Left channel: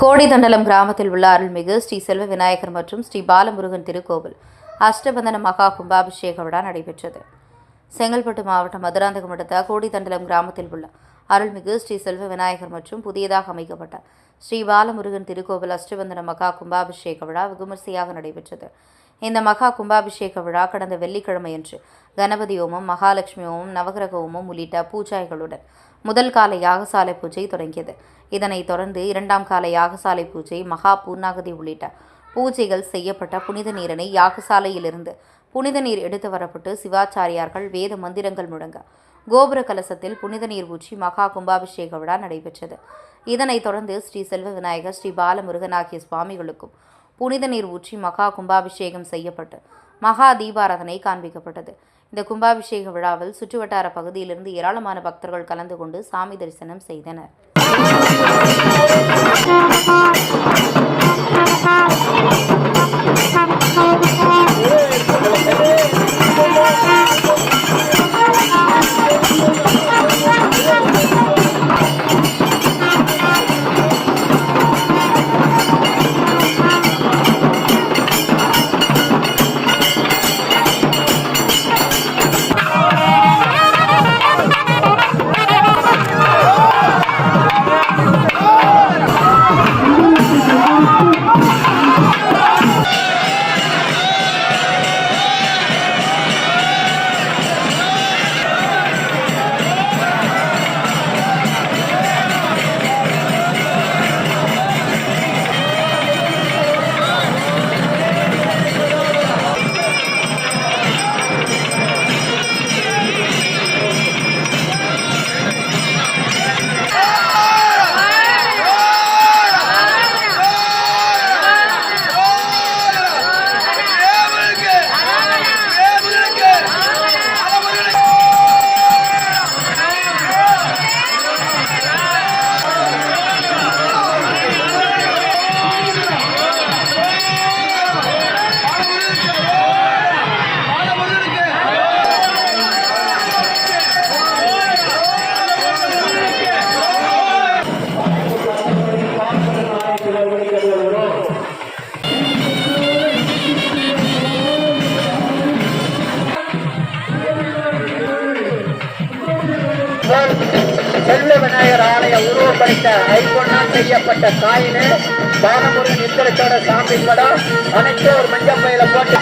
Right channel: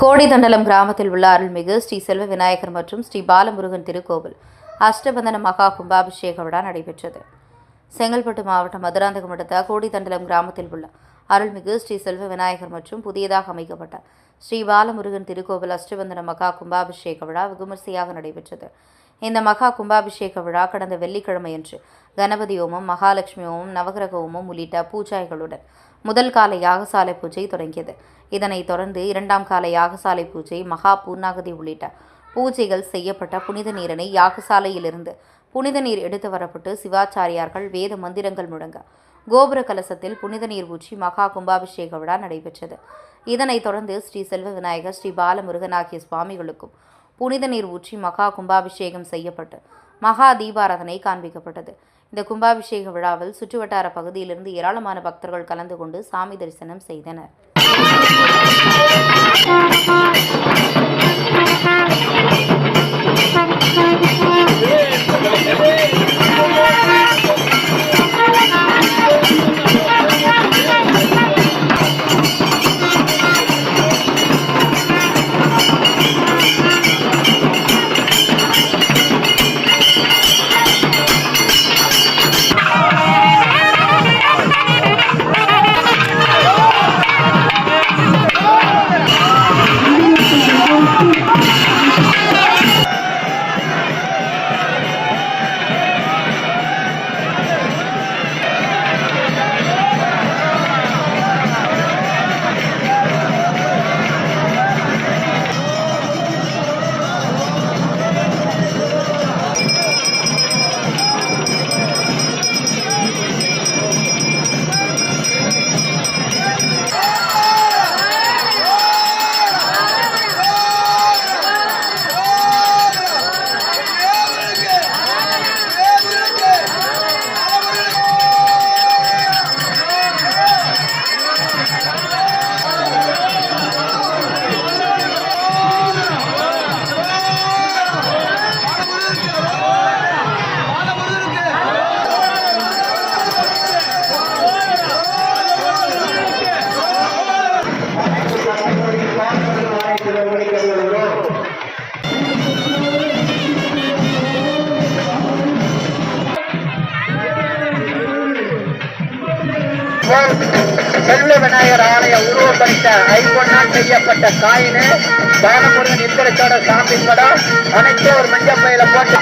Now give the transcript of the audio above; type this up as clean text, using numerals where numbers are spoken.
கோடிதண்டலம் கிராமத்தில் உள்ள அருள்மிகு ஸ்ரீ செல்வ விநாயகர் மற்றும் ஸ்ரீ பாலமுருகன் திருக்கோவில் அஷ்டபந்தன மகா கும்பாபிஷேக விழா நடைபெற்றது. செங்கல்பட்டு மாவட்டம் மதுராந்தகம் அடுத்த கோடிதண்டலம் கிராமத்தில் உள்ள அருள்மிகு ஸ்ரீ செல்வ விநாயகர் மற்றும் புதியதாக அமைக்கப்பட்ட ஸ்ரீ பாலமுருகன் திருக்கோவில் அஷ்டபந்தன மகா கும்பாபிஷேக விழா விமரிசையாக நடைபெற்றது. இந்த மகா கும்பாபிஷேக விழா கடந்த வெள்ளிக்கிழமையன்று கணபதி ஹோமம், மகாலட்சுமி ஹோமம், நவகிரக ஹோமம் உள்ளிட்ட பூஜைகளுடன் முதல் கால யாகசாலை பூஜை தொடங்கியது. இதனைத் தொடர்ந்து இரண்டாம் கால யாகசாலை பூஜை, மகா பூர்ணாகதி உள்ளிட்ட பூஜைகள் செய்யப்பட்ட புனித நீரினை யாகசாலையிலிருந்து புனித நீர் எடுத்து வரப்பட்டு சிவாச்சாரியார்கள் வேத மந்திரங்கள் முழங்க கோபுர கலசத்தில் புனித நீர் ஊற்றி மகா கும்பாபிஷேக விழா நடைபெற்றது. இதனைத் தொடர்ந்து ஸ்ரீ செல்வ விநாயகர், ஸ்ரீ பாலமுருகன் ஆகிய சுவாமிகளுக்கும் புனித நீர் ஊற்றி மகா கும்பாபிஷேகம் செய்யப்பட்டு மகா தீபாராதனை காண்பிக்கப்பட்டது. இந்த கும்பாபிஷேக விழாவில் சுற்றுவட்டார பகுதியிலிருந்து ஏராளமான பக்தர்கள் கலந்து கொண்டு சாமி தரிசனம் செய்தனர். செல்வ விநாயகர் ஆலய உருவப்படுத்த ஐம்பொன்னால் செய்யப்பட்ட காயினு பாலமுருகன் இப்படித்தோட சாமி படம் அனைத்து ஒரு மஞ்சள் பையில போட்டு